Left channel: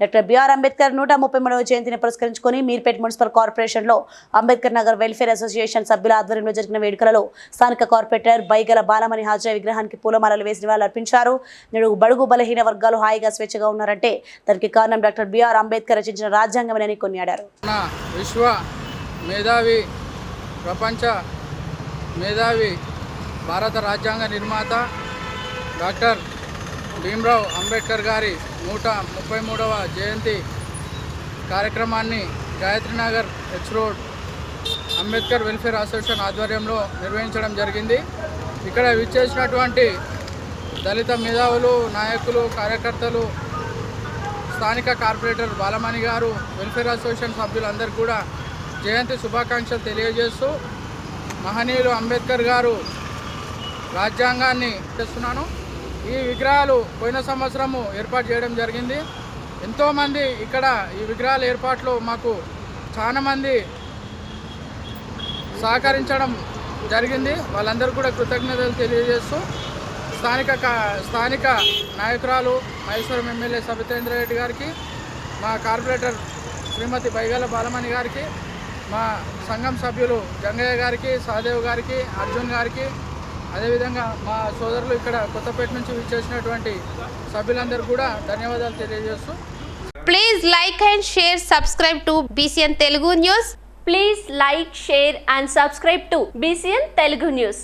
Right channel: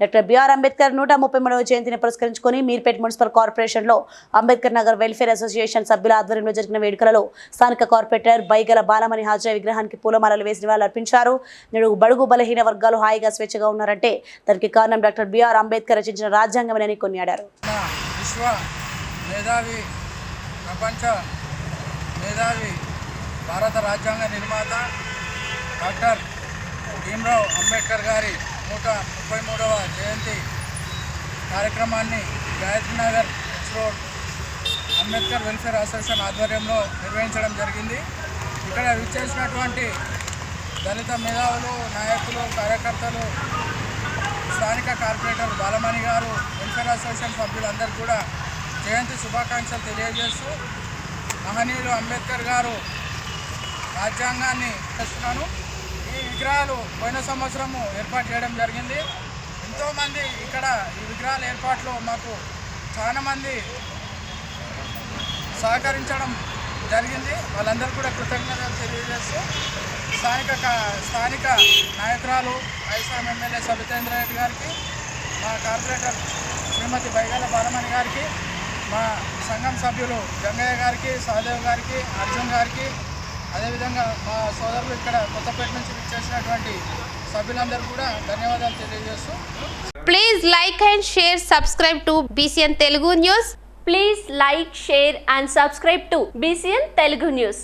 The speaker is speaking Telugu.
డాక్టర్ బిఆర్ అంబేద్కర్ నూట ముప్పై మూడవ జయంతిని పురస్కరించుకుని మీర్పేట్ మున్సిపల్ కార్పొరేషన్లో అంబేద్కర్ నగర్ వెల్ఫేర్ అసోసియేషన్ సభ్యుల ఆధ్వర్యంలో జరిగిన వేడుకలలో స్థానిక కార్పొరేటర్ బైగల బాలమణి హాజరా విగ్రహానికి పూలమాలలు వేసి నివాళులర్పించారు నేడు బడుగు బలహీన వర్గాలు హాయిగా స్వేచ్ఛగా ఉన్నారంటే దానికి కారణం డాక్టర్ బిఆర్ అంబేద్కర్ రచించిన రాజ్యాంగమేనని కొనియాడారు. విశ్వ మేధావి ప్రపంచ మేధావి భారత రాజ్యాంగ నిర్మాత డాక్టర్ భీమ్రావ్ అంబేద్కర్ గారి నూట ముప్పై మూడవ జయంతి కార్యక్రమాన్ని Gayatrinagar H road Ambedkar welfare association ఆధ్వర్యంలో నిర్వహించడం జరిగింది. ఇక్కడ విచ్చేసినటువంటి దళిత మేధావులు నాయకులు కార్యకర్తలు స్థానిక కార్పొరేటర్ బాలమణి గారు వెల్ఫేర్ అసోసియేషన్ సభ్యులందరూ కూడా జయంతి శుభాకాంక్షలు తెలియజేస్తూ మహనీయులు అంబేద్కర్ గారు రాజ్యాంగాన్ని తెస్తున్నాను ఈ విగ్రహాలు పోయిన సంవత్సరము ఏర్పాటు చేయడం జరిగింది. ఎంతోమంది ఇక్కడ ఈ విగ్రహాల ఏర్పాట్లో మాకు చాలామంది సహకరించడం జరిగింది. వాళ్ళందరూ కూడా కృతజ్ఞతలు తెలియజేస్తూ స్థానిక కా- స్థానిక నాయకురాలు మహేశ్వరం ఎమ్మెల్యే సబితేంద్ర రెడ్డి గారికి మా కార్పొరేటర్ శ్రీమతి బైగల బాలమణి గారికి మా సంఘం సభ్యులు గంగయ్య గారికి సహదేవ్ గారికి అర్జున్ గారికి అదేవిధంగా మా సోదరులు ఇక్కడ కొత్తపేట నుంచి చేసినటువంటి సభ్యులందరూ కూడా ధన్యవాదాలు తెలియజేస్తూ please like and share subscribe to BCN Telugu news please like share and subscribe to BCN Telugu news